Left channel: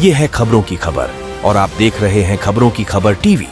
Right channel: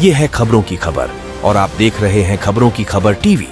ये है खबरों की खबर और आप देख रहे हैं खबरों की खबर टीवी।